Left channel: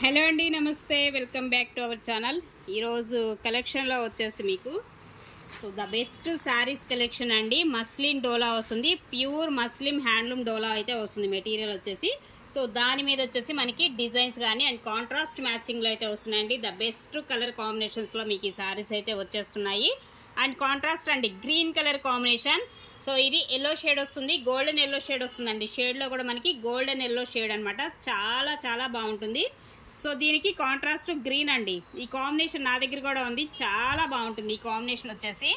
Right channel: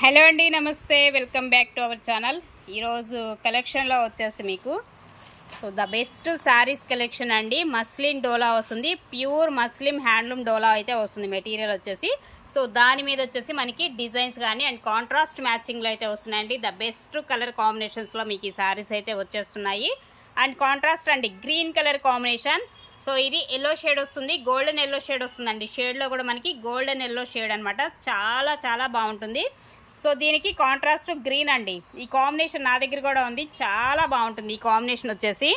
Hello అండి, నమస్తే. Welcome back to our channel. ఈరోజు కలెక్షన్లో వచ్చేసి మీకు ద బెస్ట్ శారీస్ కలెక్షన్ అండి. మస్లిన్ డోలా వస్తుంది, ప్యూర్ మస్లిన్ హ్యాండ్లూమ్ డోలా అయితే వస్తుంది మెటీరియల్ వచ్చేసి. దాని మీద వచ్చేసి మనకి డిజైన్స్ కానీ అండ్ కాంట్రాస్ట్ మ్యాచింగ్లో అయితే వస్తున్నాయండి. ద బెస్ట్ కలర్ కాంబినేషన్స్లో మీకు ఈ శారీస్ అయితే వచ్చేస్తున్నాయి. అండ్ కాంట్రాస్ట్ అండి, గ్రీన్ కలర్ కాంబినేషన్. ఇది ఎల్లో షేడ్ వస్తుంది, గోల్డెన్ ఎల్లో షేడ్ వస్తుందండి. షేడ్లో కూడా మనకి గోల్డెన్ ఎల్లో షేడ్ అనమాట. చాలా చాలా బాగుంటుంది. దీనికి కాంట్రాస్ట్ గ్రీన్ అండి. ఈ కాంబినేషన్ నా దగ్గర కూడా ఉంది, చాలా బాగుంటుంది ఈ కాంబినేషన్ వచ్చేసి.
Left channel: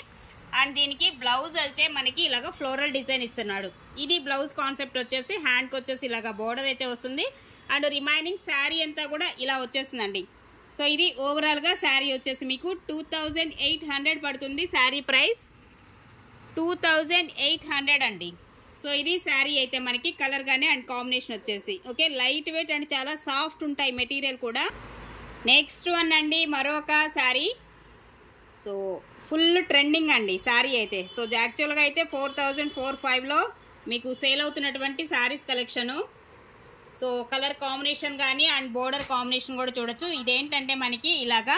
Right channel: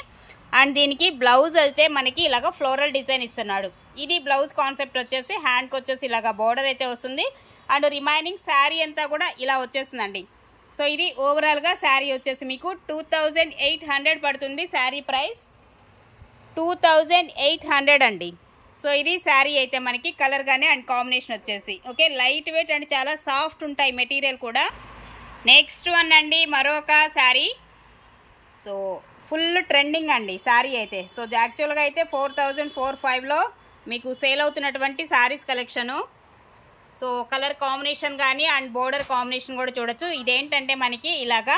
అండ్ దీనికి బ్లౌజ్ అయితే మనకి ఇలాగ ఫ్లోరల్ డిజైన్ ఇస్తున్నాడు. ఇది బ్లౌజ్ కాన్సెప్ట్ వచ్చేసి. హ్యాండ్కి వచ్చేసి ఇలాగ బోర్డర్ అయితే వస్తుంది. అండ్ రిమైనింగ్ శారీ అంతా కూడా ఇలా వచ్చేస్తుందండి. ఇది ఓవరాల్గా శారీ వచ్చేసి మీకు 2800 పడుతుంది. శారీ ప్రైస్ 2800 అండి. ఇది శారీ అయితే మనకి కలర్ గానే అండ్ కాంబినేషన్ వచ్చేసి ఓకే, లైట్ వెయిట్ అండ్ చాలా సాఫ్ట్ ఉంటాయి మెటీరియల్ కూడా. నెక్స్ట్ వన్ అండి, మరొక శారీ. ఫుల్ ట్రెండింగ్ అండి శారీ అయితే. యాక్చువల్గా అయితే 4405లో మీకు సేల్ అవుతున్నటువంటి శారీస్ కలెక్షను. కలర్ కాంబినేషన్ కానీ అండ్ బోర్డర్ కాంబినేషన్ కూడా చూడొచ్చు. ఇదేంటంటే మనకి ఇలాగా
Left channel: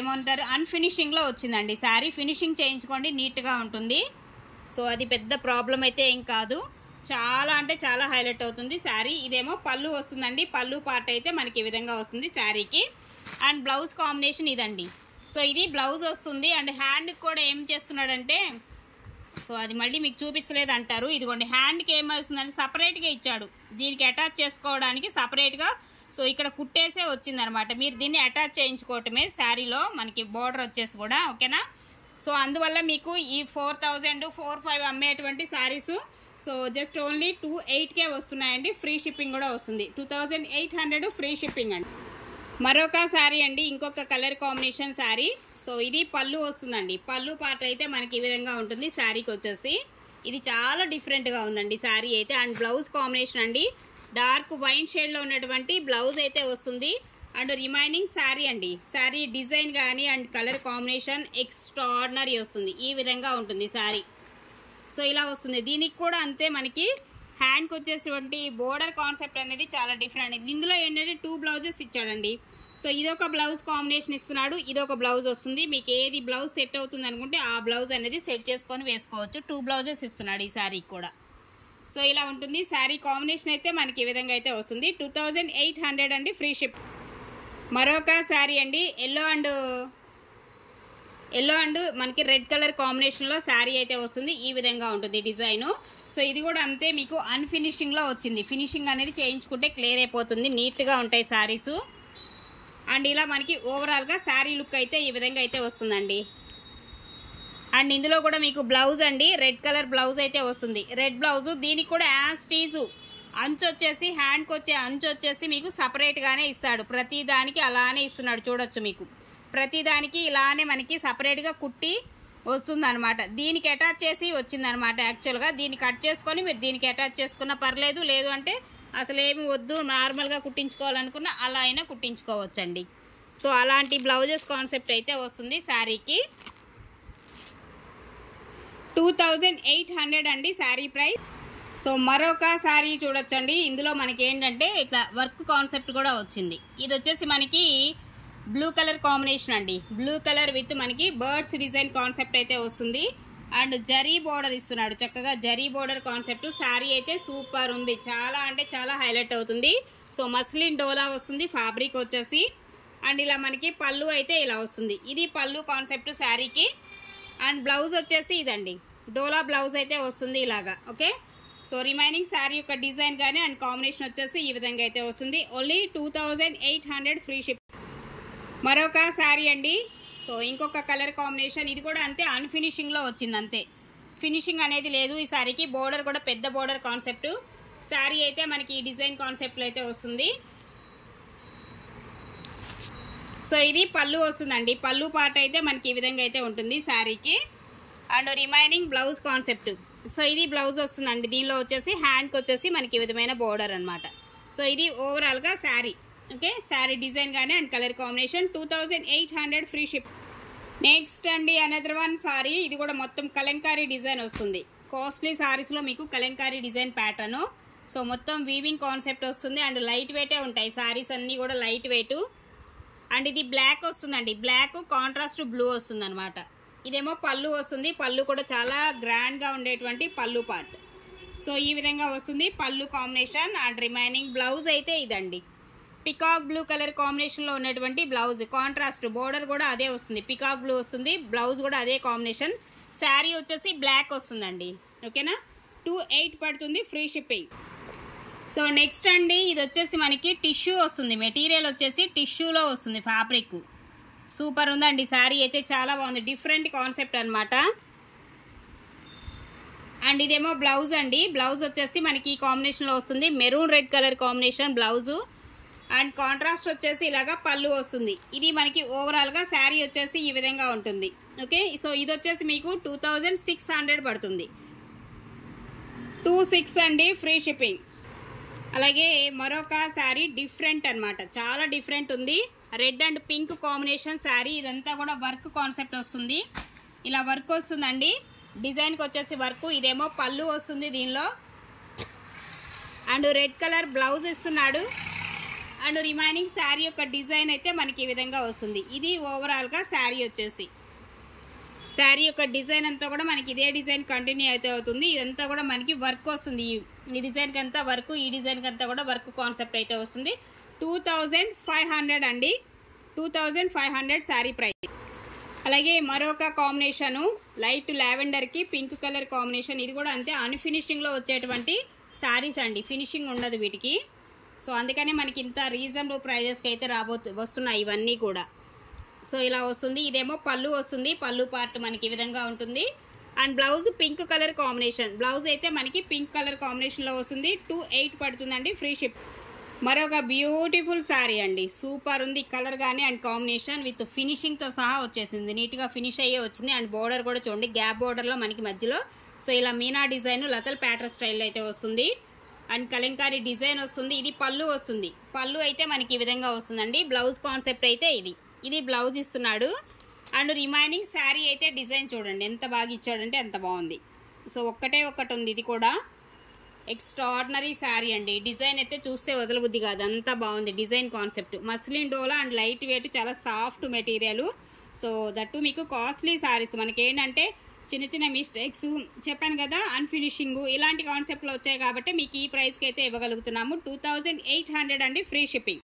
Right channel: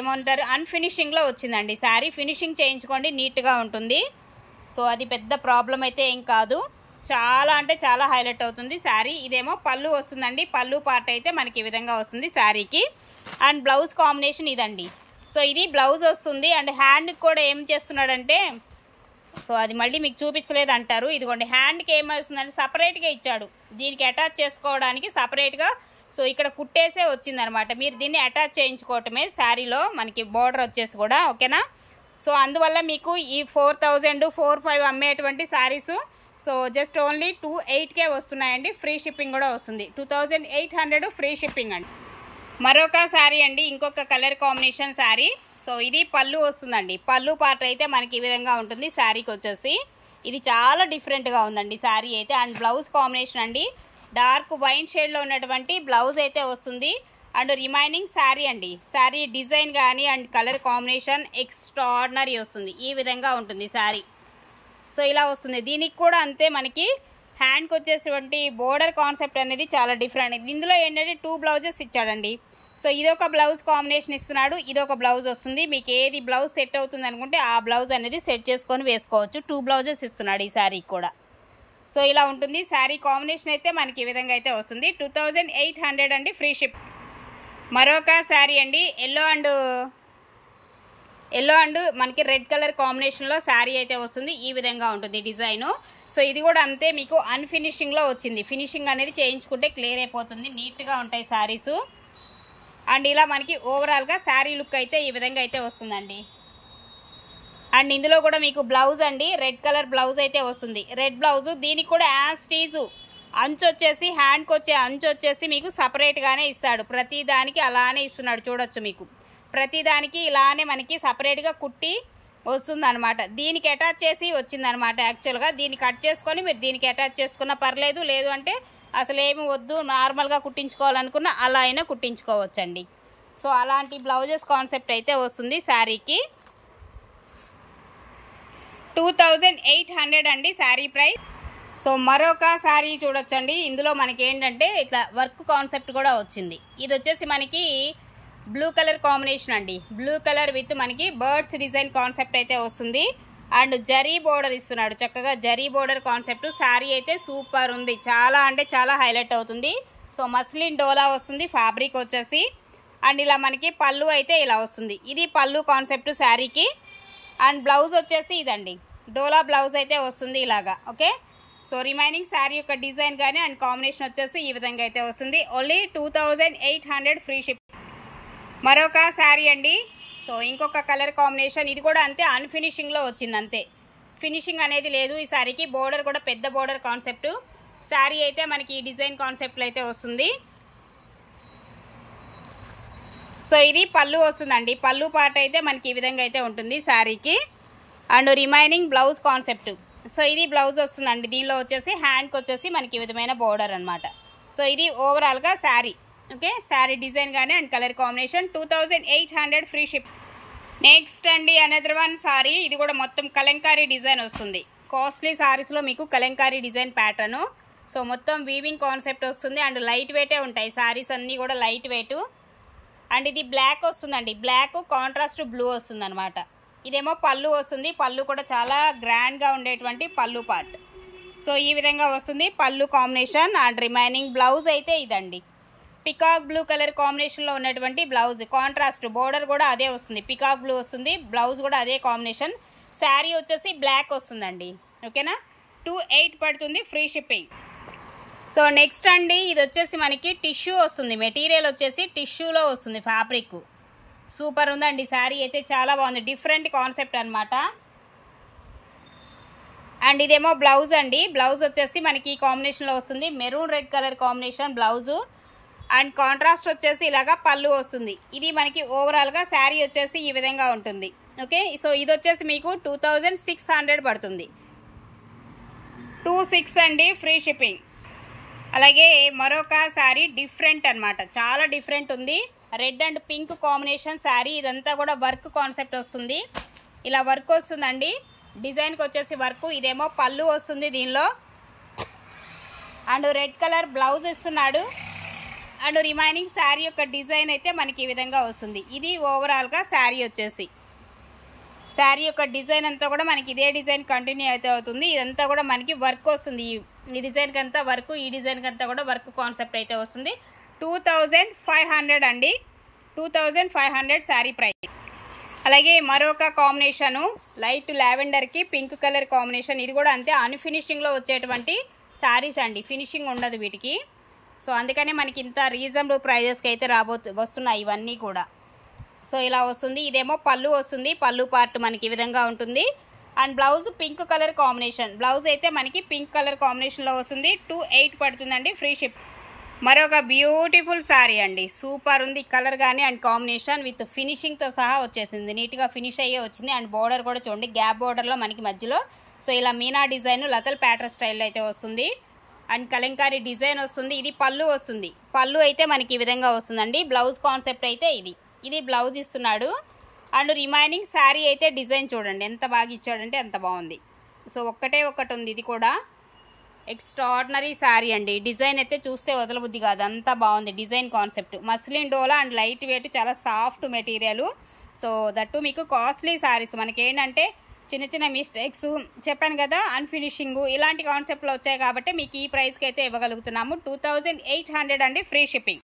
ఏమంటారు, అన్ఫినిషింగ్లో వచ్చిందండి శారీ. ఫినిషింగ్ చేయించుకోండి, నీట్గా ఉంటుంది. అది పెద్ద ప్రాబ్లం అయితే ఏం కాదు. చాలా అంటే చాలా హైలైట్ అవుతుంది శారీ. ఇదేమో పళ్ళు వస్తుందండి. పళ్ళు పార్ట్ అయితే మనకి ఈ విధంగా వస్తుంది శారీకి. అండ్ బ్లౌజ్ కాంబినేషన్ ఇదండి. ఇది బ్లౌజ్ వస్తుంది. అండ్ హ్యాండ్కి కూడా ఏం చేస్తున్నాడంటే, అది మళ్ళీ మీకు చూపించలేదు అంటారు. ఇదిగోండి, హ్యాండ్కి ఏమవుతుందంటే సపరేట్గా ఇచ్చాడు. దీనికి అటాచ్ చేసుకోవడానికి సపరేట్గా ఇక్కడ కుట్టేసే వచ్చిందనమాట. మీరు దీన్ని అటాచ్ చేయించుకోవటమే శారీలో మనకి బోర్డర్ వచ్చేసి కూడా ఓకేనా. అందువల్ల మీకు ఈ 4000 4500 అమ్మేటువంటి శారీస్ జస్ట్ ఓన్లీ 2800కే వస్తున్నాయండి. ఫ్రీ షిప్పింగ్ కూడా వస్తుంది. 2800 ఫ్రీ షిప్పింగ్ అండి. మరొక శారీ అండి, ఇంకొక కలర్ కాంబినేషన్ శారీ. ఇది పళ్ళు వస్తుందండి. పళ్ళు పార్ట్ అయితే మనకి ఈ విధంగా ఉంటుంది శారీకి వచ్చేసి. ఇది చాలా డిఫరెంట్గా ఉందండి శారీ అయితే. అండ్ బ్లౌజ్ కాంబినేషన్ అండి, డార్క్ వైన్ షేడ్లో ఉన్నటువంటి బ్లౌజ్ అయితే వస్తుంది. అండ్ రిమైనింగ్ శారీ అండి, శారీ డిజైన్ కానీ అండ్ కలర్ కాంబినేషన్ ఎక్స్ట్రాడినరీ వస్తుంది. ఈ విధంగా ఉంటుంది శారీ. ఇలా వస్తుంది. దీనికి కూడా అంతే, మనకి హ్యాండ్కి వచ్చేటువంటి బోర్డర్ కాన్సెప్ట్ అనేది చాలా డిఫరెంట్. ఇందులో ఏంటంటే 2 బ్లౌజెస్ ఇచ్చాడండి. ఇదొక బ్లౌజ్ కాంబినేషన్ ఇస్తున్నాడు, ఇదొక బ్లౌజ్ వస్తుంది. మీకు ఏది బ్లౌజ్ సెట్ అవుతుంది అనుకుంటే ఆ బ్లౌజ్ అనేది సెట్ చేసుకొని వేసుకోవచ్చు. 2 బ్లౌజెస్ ఇస్తున్నాడు ఈ శారీకి కూడా. ఇలా ఉంటుంది శారీ కాంబినేషన్ అయితే మనకి ఈ విధంగా అయితే వస్తుంది. 2800 అండి, ఫ్రీ షిప్. మరొక శారీ అండి, ఎల్లో అండ్ మనకి రెడ్ కలర్ కాంబినేషన్లో శారీ అయితే వస్తుంది. ఈ విధంగా ఉంటుంది డిజైను. ఇది కూడా అంతే, మీకు అన్ఫినిషింగ్లో వచ్చింది. ఫినిషింగ్ అనేది చేయించుకుంటే క్లియర్ అయిపోతుంది, నీట్గా ఉంటాయి శారీస్. అండ్ ఇలా మనకి ఓవరాల్గా శారీ లుక్ అయితే ఈ విధంగా అయితే వస్తుందండి. అండ్ ఇందులో కూడా మీకు బ్లౌజ్ అండి, రెడ్ కలర్ బ్లౌజ్ అయితే వస్తుంది. రెడ్ బ్లౌజు, దీనికి కూడా యాజ్ టీజు అంచు వచ్చేసి, హ్యాండ్కి వచ్చే అంచు వచ్చేసి మీకు సపరేట్గానే ఇస్తాడు. ప్రతి దానికి అలానే ఇస్తున్నాడు, చూడొచ్చు. మీకు ప్రతి దానికి ఇలానే మనకి సపరేట్గా కుట్టి వస్తుందన్నమాట. దీనికి అటాచ్ చేసి వచ్చిందనమాట. యాక్చువల్గా దీన్ని కట్ చేసుకొని మీరు దీనికి అటాచ్ చేసుకున్నా పర్లేదు, లేదు అంటే అసలు ఏమి వద్దు, నార్మల్గా కుట్టించుకోవాలనుకున్నా అలా అయినా కుట్టించుకోవచ్చండి. అలాంటి బ్లౌజెస్ కాన్సెప్ట్ అయితే వస్తుంది శారీకి. 2800 అండి శారీ ప్రైస్. మరొక శారీ చూడొచ్చండి. ఇందులో మనకి ఏంటంటే ఇట్లా వర్క్ కాన్సెప్ట్ కూడా వచ్చింది. ఇది వచ్చేసి మనకి బ్లూ కలర్ కాంబినేషన్ అండి. బ్లూ కలర్ విత్ మనకి బర్డ్స్ డిజైన్ కాన్సెప్ట్ అయితే వస్తుంది. అండ్ జరీ బోర్డర్ ఇస్తున్నాడు, చక్కగా జరీ బోర్డర్ కాన్సెప్ట్. శారీ అయితే సూపర్ ఉంది, చాలా అంటే చాలా హైలైట్ అవుతుంది. మస్లిన్ డోలా వస్తుంది ఫ్యాబ్రిక్ వచ్చేసి. అండ్ ఇలా మనకి పళ్ళు అయితే ఇలా వస్తుంది. ఇది పళ్ళు కాన్సెప్ట్ శారీకి. అండ్ బ్లౌజ్ వచ్చేసి ఇదండి, డోలా బ్లౌజ్ అయితే వస్తుంది ఇలాగా ఓకే. రిమైనింగ్ శారీ యొక్క డిజైన్ కానీ అండ్ కాంబినేషన్ వచ్చేసి ఈ విధంగా అయితే వస్తుంది. Only 2800 free ship. మరొక శారీ అండి. ఇంకొక కలర్ కాంబినేషన్. ఇది కూడా అంతే, అన్ఫినిషింగ్లో వచ్చింది అంతే, ఫినిషింగ్ అనేది లేదు ఈ శారీకి. బోర్డర్ కూడా పెద్ద బోర్డర్ కాన్సెప్ట్. శారీ అయితే మనకి ఈ డిజైన్ కాన్సెప్ట్లో అయితే వస్తుంది. ఇది పళ్ళు వస్తుందండి. పళ్ళు పార్ట్ అయితే మనకి ఈ విధంగా అయితే ఉంటుంది శారీకి. And remaining blouse concept. ఇది బ్లౌజ్ వస్తుందండి. దీనిలో వచ్చేసి హ్యాండ్కి వచ్చేసి మనకి ఈ విధమైన బోర్డర్ అనమాట. ఇది ఓవరాల్గా శారీ ఓకే. శారీ డిజైన్ కానీ and colour combination. 2800 free ship. Next అండి, అనదర్ వన్ సారీ. ఇది కూడా మొత్తం కలంకారీ డిజైన్ వస్తుంది. కాస్ట్లీ శారీస్లో మీకు కలంకారీ డిజైన్ ప్యాటర్ను. సో మొత్తం వీవింగ్ కాన్సెప్ట్ వస్తుంది అండ్ లైట్ వెయిటే ఉంటాయి శారీస్ అన్నీ కూడా లైట్ వెయిట్. అండ్ ఇది బ్లాక్ వస్తుందండి, బ్లాక్ కాంట్రాస్ట్ బ్లూ వస్తుంది అనమాట. ఇదేమో పళ్ళు వస్తుంది, పళ్ళు కూడా చాలా గ్రాండ్గా ఉండేటువంటి పళ్ళు పార్ట్. సో ఈ విధంగా వస్తుంది పళ్ళు కాంబినేషన్. అండ్ రిమైనింగ్ బ్లౌజ్ అయితే ఇదండి, పికాక్ బ్లూ కలర్ కాంబినేషన్లో ఉన్నటువంటి బ్లౌజ్. కాంట్రాస్ట్ బోర్డర్ కూడా అదే వస్తుంది, పికాక్ బ్లూ వస్తుంది, బ్లౌజ్ కూడా అదే కాంబినేషన్. శారీ వచ్చేసి బ్లాక్ వస్తుందండి. ఓకేనా, 28 పడుతుంది, ఫ్రీ షిప్పింగ్. సో నెక్స్ట్ అండి, ఇది వచ్చేసి మనకి టిష్యూ వస్తుంది, మెటీరియల్ వచ్చేసి టిష్యూలో వస్తుంది, ఫ్యాబ్రిక్ సూపర్ ఉందండి. శారీ అయితే చాలా బాగుంది, డిఫరెంట్ కాన్సెప్ట్ అనమాట. అండ్ ఇదేమో బ్లౌజ్ అండి, బ్లౌజ్ వచ్చేసి మనకి ఈ కాంబినేషన్లో వస్తుంది, maroon red colour combination blouse. And contrast వచ్చేసి ఇలాగా పళ్ళు వస్తుంది. ఇది మనకి ఓవరాల్గా శారీ వచ్చేసి ఈ విధంగా ఉంటుంది. ఓకే, సో ఇది వచ్చేసి మీకు 2600 పడుతుంది, 26 అండి, ఫ్రీ షిప్పింగ్. అలాగే మరొక శారీ డిఫరెంట్ అనమాట, చాలా డిఫరెంట్ ఉంది, red and pink combination sari. ఇదంతా కూడా వర్క్ కాన్సెప్ట్ వస్తుంది, ఇలా వర్క్ వస్తుందండి, డిజైన్కి వచ్చేసి వర్క్. ఇదేమో పళ్ళు వస్తుంది దీనిలో, అండ్ రెడ్ కలర్ బ్లౌజ్ ఇస్తున్నాడు. అండ్ రిమైనింగ్ శారీ యొక్క డిజైన్ అయితే మనకి ఈ విధంగా వస్తుంది. ఇది ఓవరాల్గా శారీ వచ్చేసి, శారీ యొక్క డిజైన్ అంతా కూడా మనకి ఇదే డిజైన్ కంటిన్యూ అయితే అవుతుంది. ఇదంతా కూడా మనకి వర్క్ వస్తుంది, ఈ డిజైన్కి అంతా వర్క్, ఈ డిజైన్కి అంతా కూడా వర్క్ కాన్సెప్ట్ అయితే వస్తుంది. 2500 అండి, 2500 శారీ ప్రైస్. అలాగే మరొక కాంబినేషను లైట్ లావెండర్కి పింక్ కలర్ కాంబినేషన్. ఇది కూడా అంతే, అన్ఫినిషింగ్లో వచ్చేటువంటి శారీస్ అండి, ఫినిషింగ్ ఉండదు వీటికి. సో అందుకనే మనకి ఇంత రీజనబుల్ ప్రైజెస్కి అయితే వస్తున్నాయి ఇవన్నీ కూడా. సో ఇలా వస్తుంది, ఇదేమో పళ్ళు వస్తుంది, పళ్ళు పార్ట్ మనకి ఈ విధంగా ఉంటుంది. And blouse pink colour combination, blouse అయితే మనకి పింక్ కలర్ కాంబినేషన్లో వస్తుంది, 28 పడుతుందండి, ఫ్రీ షిప్. మరొక బ్యూటిఫుల్ శారీ అండి, సూపర్ ఉంది కలర్ కానీ అండ్ కాంబినేషన్ విత్ ఫినిషింగ్తో సహా వచ్చేసింది, నీట్గా ఫినిష్ అయ్యే వచ్చింది. అండ్ బోర్డర్ కూడా చూడండి, గ్యాప్ బోర్డర్లో మనకి మధ్యలో సో ఇలా మీనా డిజైన్ లతల్ ప్యాటర్న్ స్టైల్లో అయితే వస్తుంది. అండ్ కలంకారీ డిజైన్ వస్తుంది. ఇది పళ్ళు వస్తుంది, పళ్ళు అయితే మనకి ఈ విధంగా వస్తుందండి. బ్లౌజ్ కాన్సెప్ట్ అయితే ఇది బ్లౌజ్ ఇస్తున్నాడు. అండ్ రిమైనింగ్ శారీ అయితే డిజైన్ చూడండి ఎంత బాగా ఇచ్చాడంటే అంత బాగుంది. సో ఒక్కటే ఒకటి ఉంది, ఇది కూడా ఎక్స్ట్రాడినరీ శారీ అండి. డిజైన్ అయితే చూస్తే వదలబుద్ధి కాదు, అంత బాగుంది design concept. Muslin dola and light weight, చాలా సాఫ్ట్ మెటీరియల్. సో దట్టు మీకు కాస్ట్లీ శారీస్. మనకి ఏంటంటే చిన్న చిన్న మిస్టేక్స్ చెప్పాను కదా, అన్ఫినిషింగ్ ఇలాంటి కాన్సెప్ట్లో వచ్చాయి కాబట్టి మీకు ఈ ప్రైస్కి అయితే ఇవ్వగలుగుతున్నాము. 2800 అండి, ఫ్రీ షిప్పింగ్.